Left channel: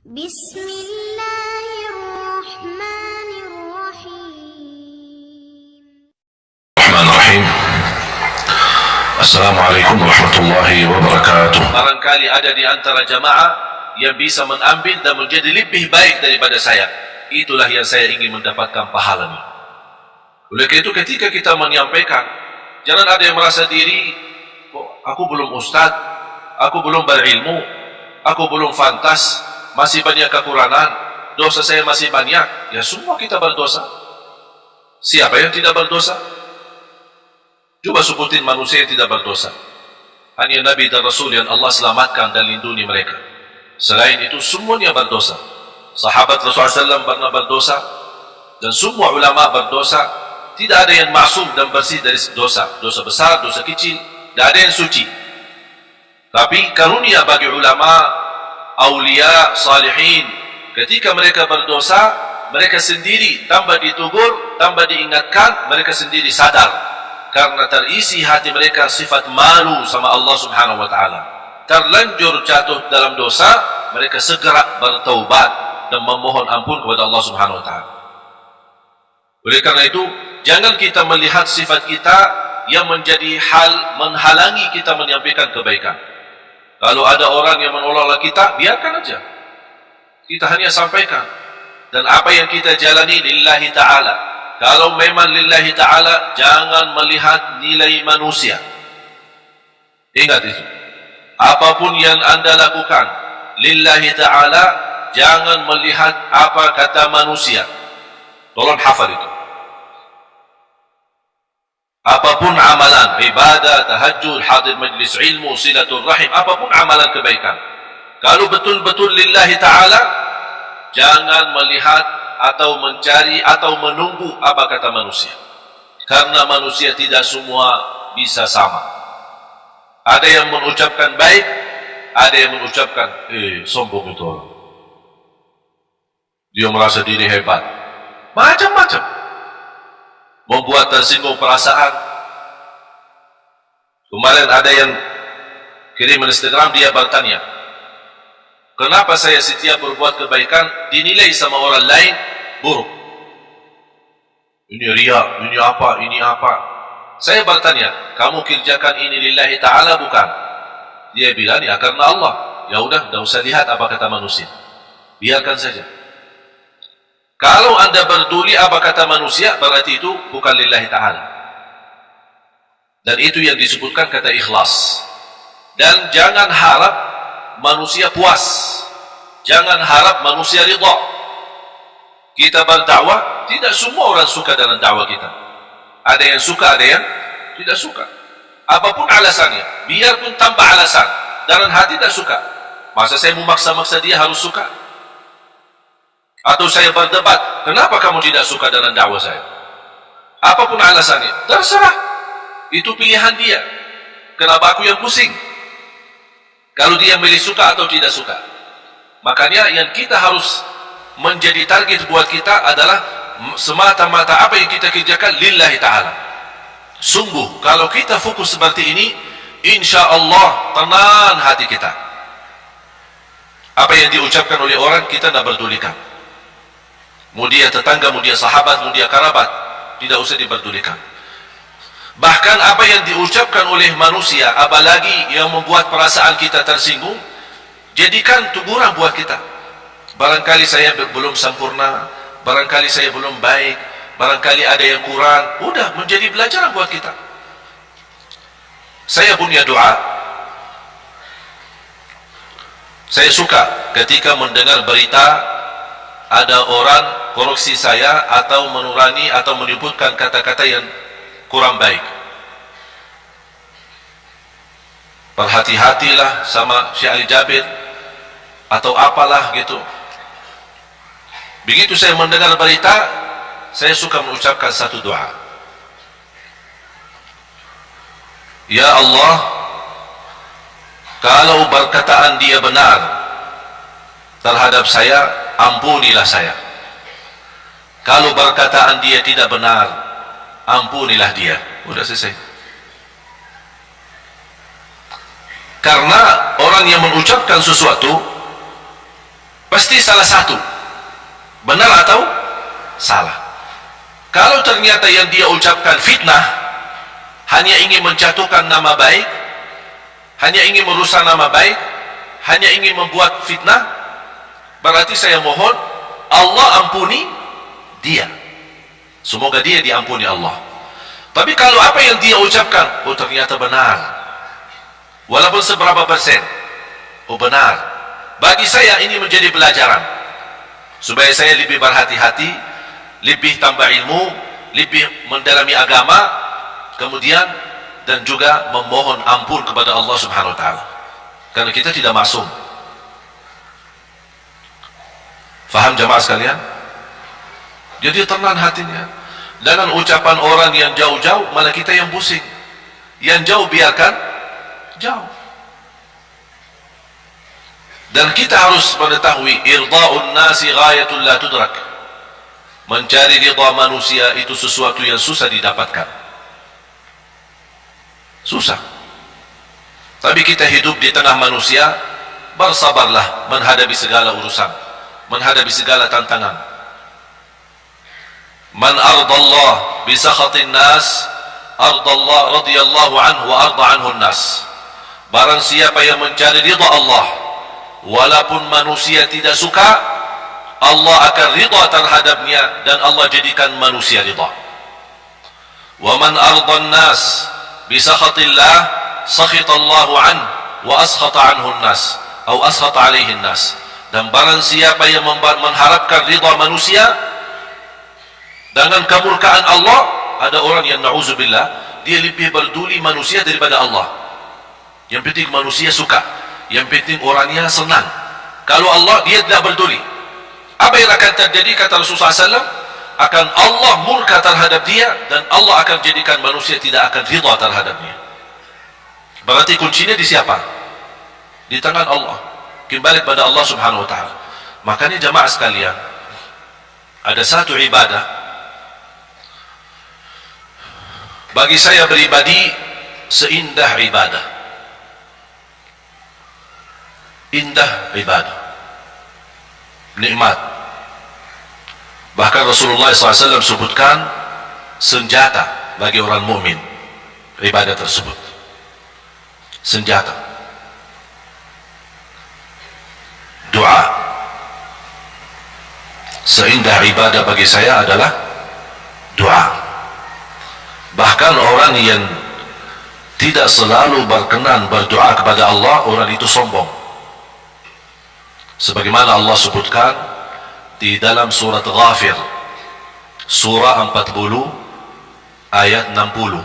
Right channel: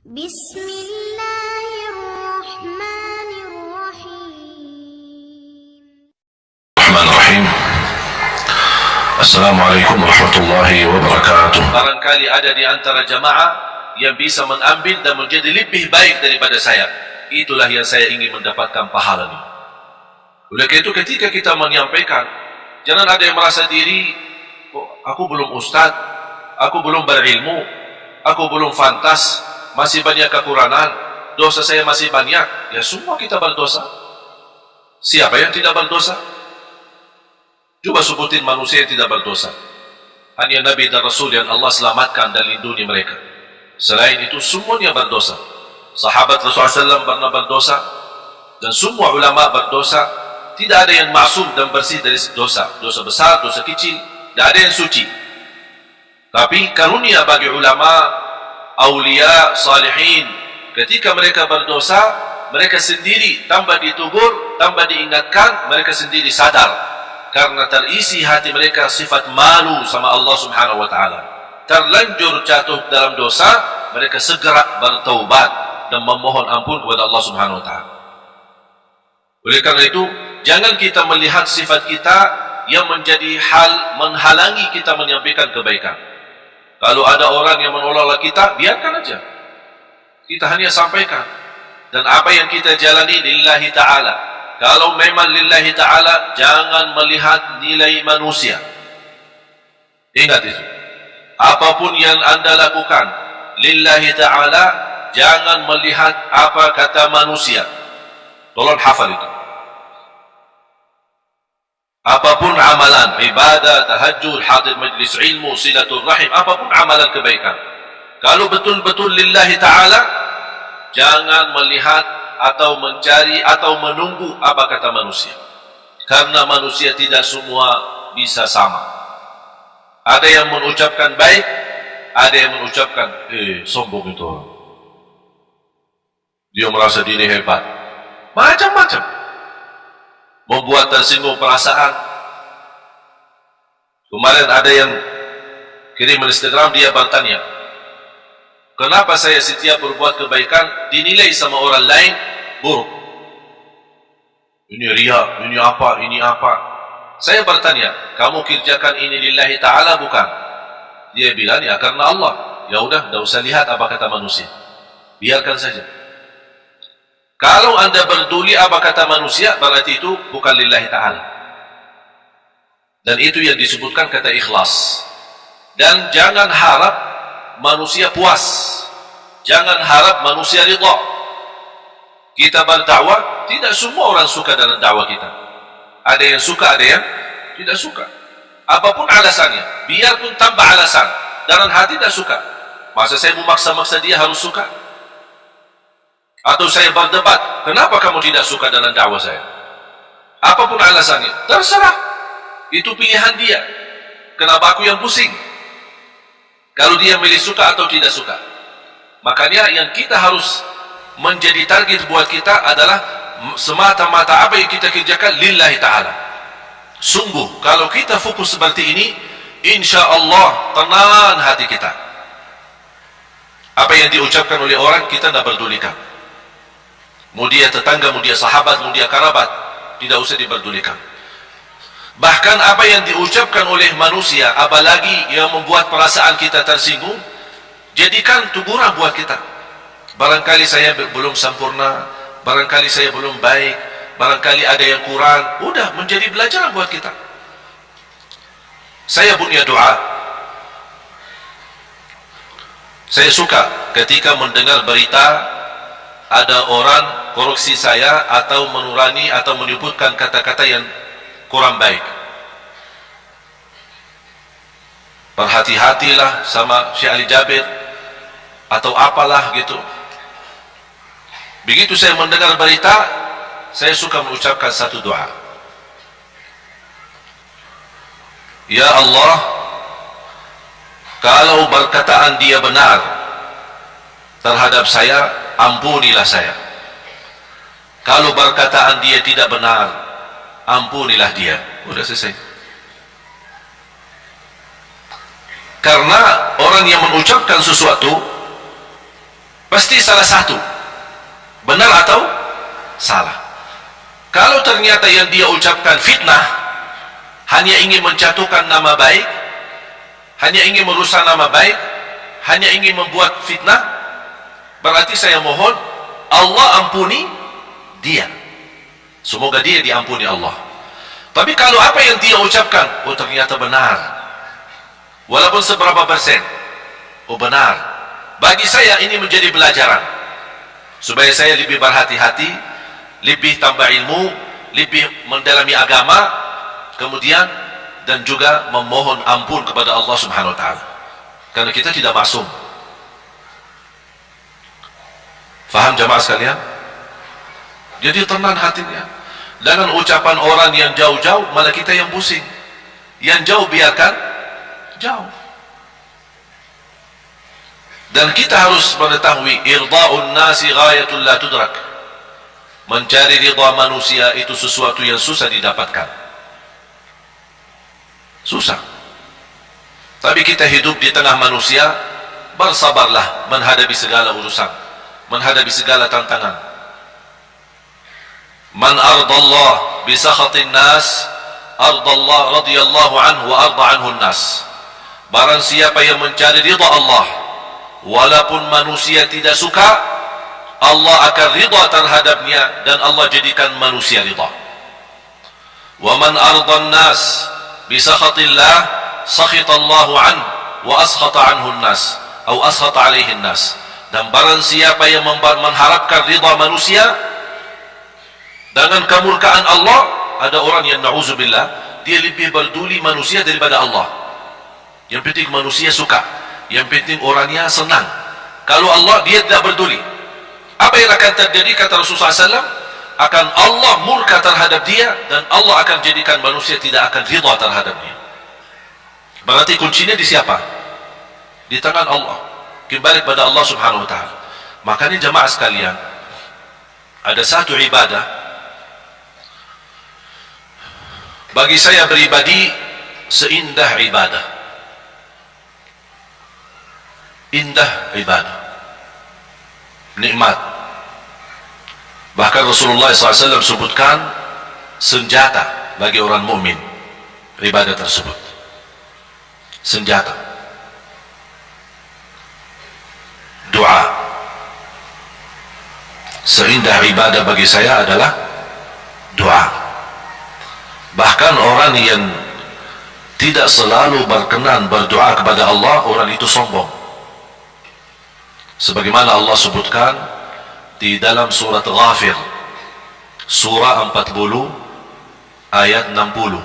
Bismillahirrahmanirrahim. Bismillahirrahmanirrahim. Assalamualaikum warahmatullahi wabarakatuh. Barangkali ada di antara jamaah yang bisa mengambil dan menjadi lebih baik daripada saya. Itulah yang saya ingin mendapatkan pahalanya. Oleh karena itu ketika kita menyampaikan, jangan ada yang merasa diri, aku belum ustaz, aku belum berilmu, aku belum fantas, masih banyak kekurangan, dosa saya masih banyak. Ya semua kita berdosa. Siapa yang tidak berdosa? Coba sebutin manusia yang tidak berdosa. Hanya Nabi dan Rasul yang Allah selamatkan dan lindungi mereka. Selain itu semuanya berdosa. Sahabat Rasulullah SAW pernah berdosa, dan semua ulama berdosa. Tidak ada yang maksum dan bersih dari dosa. Dosa besar, dosa kecil, tidak ada yang suci. Tapi karunia bagi ulama, aulia, salihin, ketika mereka berdosa, mereka sendiri tanpa ditegur, tanpa diingatkan, mereka sendiri sadar. Karena terisi hati mereka sifat malu sama Allah Subhanahu wa ta'ala. Terlanjur jatuh dalam dosa, mereka segera bertaubat dan memohon ampun kepada Allah Subhanahu wa ta'ala. Oleh karena itu, jangan kita melihat sifat kita yang menjadi hal menghalangi kita menyampaikan kebaikan. Kalau ada orang yang menolak kita, biarkan aja. Kita hanya sampaikan. Dan apa yang kita jalani lillahi ta'ala. Kalau memang lillahi ta'ala, jangan melihat nilai manusia. Ingat itu. Apapun yang anda lakukan lillahi ta'ala, jangan melihat apa kata manusia. Tolong hafal itu. Apapun amalan, ibadah, tahajud, hadir majlis ilmu, silatul rahim, apapun amalan kebaikan, kalau betul-betul lillahi ta'ala, jangan melihat atau mencari atau menunggu apa kata manusia. Karena manusia tidak semua bisa sama. Ada yang mengucapkan baik, ada yang mengucapkan sombong itu orang, dia merasa diri hebat, macam-macam, membuat tersinggung perasaan. Kemarin ada yang kirim Instagram, dia bertanya, kenapa saya setiap berbuat kebaikan dinilai sama orang lain buruk? Ini riya, ini apa, ini apa. Saya bertanya, kamu kerjakan ini lillahi ta'ala bukan? Dia bilang, ya karena Allah. Ya udah, tidak usah lihat apa kata manusia, biarkan saja. Kalau anda berduli apa kata manusia, berarti itu bukan lillahi ta'ala. Dan itu yang disebutkan kata ikhlas. Dan jangan harap manusia puas, jangan harap manusia ridha. Kita berdakwah, tidak semua orang suka dengan dakwah kita. Ada yang suka, ada yang tidak suka. Apapun alasannya, biarpun tanpa alasan, dalam hati tidak suka, masa saya memaksa-maksa dia harus suka? Atau saya berdebat, kenapa kamu tidak suka dengan dakwah saya? Apapun alasannya, terserah, itu pilihan dia. Kenapa aku yang pusing kalau dia milih suka atau tidak suka? Makanya yang kita harus menjadi target buat kita adalah semata-mata apa yang kita kerjakan lillahi ta'ala. Sungguh kalau kita fokus seperti ini, insya Allah tenang hati kita. Apa yang diucapkan oleh orang kita tidak berdulikan. Mau dia tetangga, mau dia sahabat, mau dia kerabat, tidak usah diberdulikan. Bahkan apa yang diucapkan oleh manusia, apalagi yang membuat perasaan kita tersinggung, jadikan teguran buat kita. Barangkali saya belum sempurna, barangkali saya belum baik, barangkali ada yang kurang. Udah menjadi pelajaran buat kita. Saya punya doa. Saya suka ketika mendengar berita ada orang koreksi saya atau menurani atau menyebutkan kata-kata yang kurang baik. Berhati-hatilah sama Syekh Ali Jabir atau apalah gitu. Begitu saya mendengar berita, saya suka mengucapkan satu doa. Ya Allah, kalau perkataan dia benar terhadap saya, ampunilah saya. Kalau perkataan dia tidak benar, ampunilah dia. Udah selesai. Karena orang yang mengucapkan sesuatu Pasti salah satu, benar atau salah. Kalau ternyata yang dia ucapkan fitnah, hanya ingin menjatuhkan nama baik, hanya ingin merusak nama baik, hanya ingin membuat fitnah, berarti saya mohon Allah ampuni dia. Semoga dia diampuni Allah. Tapi kalau apa yang dia ucapkan, oh ternyata benar, walaupun seberapa persen, oh benar, bagi saya ini menjadi pelajaran, supaya saya lebih berhati-hati, lebih tambah ilmu, lebih mendalami agama, kemudian dan juga memohon ampun kepada Allah Subhanahu wa taala. Karena kita tidak maksum. Faham jamaah sekalian? Jadi tenang hatinya. Dengan ucapan orang yang jauh-jauh, malah kita yang pusing. Yang jauh biarkan jauh. Dan kita harus mengetahui irda'un nasi ghayatul la tudrak. Mencari ridha manusia itu sesuatu yang susah didapatkan. Susah. Tapi kita hidup di tengah manusia, bersabarlah menghadapi segala urusan, menghadapi segala tantangan. Man ardallah bisakhatin nas, ardallah radhiyallahu anhu wa arda anhu nas. Barang siapa yang mencari ridha Allah, walaupun manusia tidak suka, Allah akan ridha terhadapnya dan Allah jadikan manusia ridha. Wa man ardan nas bisakhatillah, sakhitallahu anhu wa askhata anhu nas, atau askhata alaihi nas. Dan barang siapa yang mengharapkan ridha manusia dengan kemurkaan Allah, ada orang yang na'udzubillah, dia lebih peduli manusia daripada Allah. Yang penting manusia suka, yang penting orangnya senang. Kalau Allah, dia tidak peduli. Apa yang akan terjadi, kata Rasulullah SAW, akan Allah murka terhadap dia, dan Allah akan jadikan manusia tidak akan ridha terhadapnya. Berarti kuncinya di siapa? Di tangan Allah. Kembali kepada Allah Subhanahu wa taala. Makanya jemaah sekalian, ada satu ibadah bagi saya pribadi seindah ibadah. Indah ibadah, nikmat. Bahkan Rasulullah SAW sebutkan senjata bagi orang mukmin ibadah tersebut. Senjata, doa. Seindah ibadah bagi saya adalah doa. Bahkan orang yang tidak selalu berkenan berdoa kepada Allah, orang itu sombong. Sebagaimana Allah sebutkan di dalam surat Ghafir, surah 40 ayat 60.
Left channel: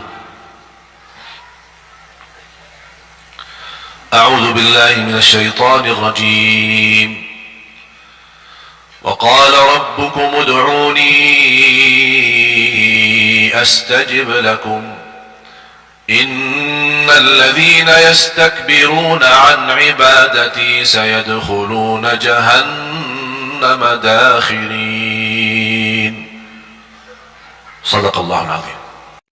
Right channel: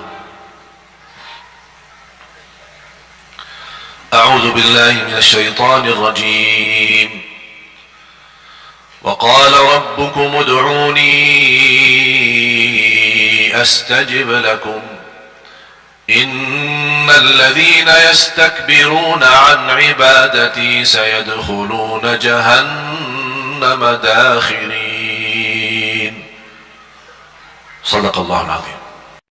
A'udzu billahi minasy syaithanir rajim. وقال ربكم ادعوني أستجب لكم إن الذين يستكبرون عن عبادتي سيدخلون جهنم داخرين. صدق الله العظيم.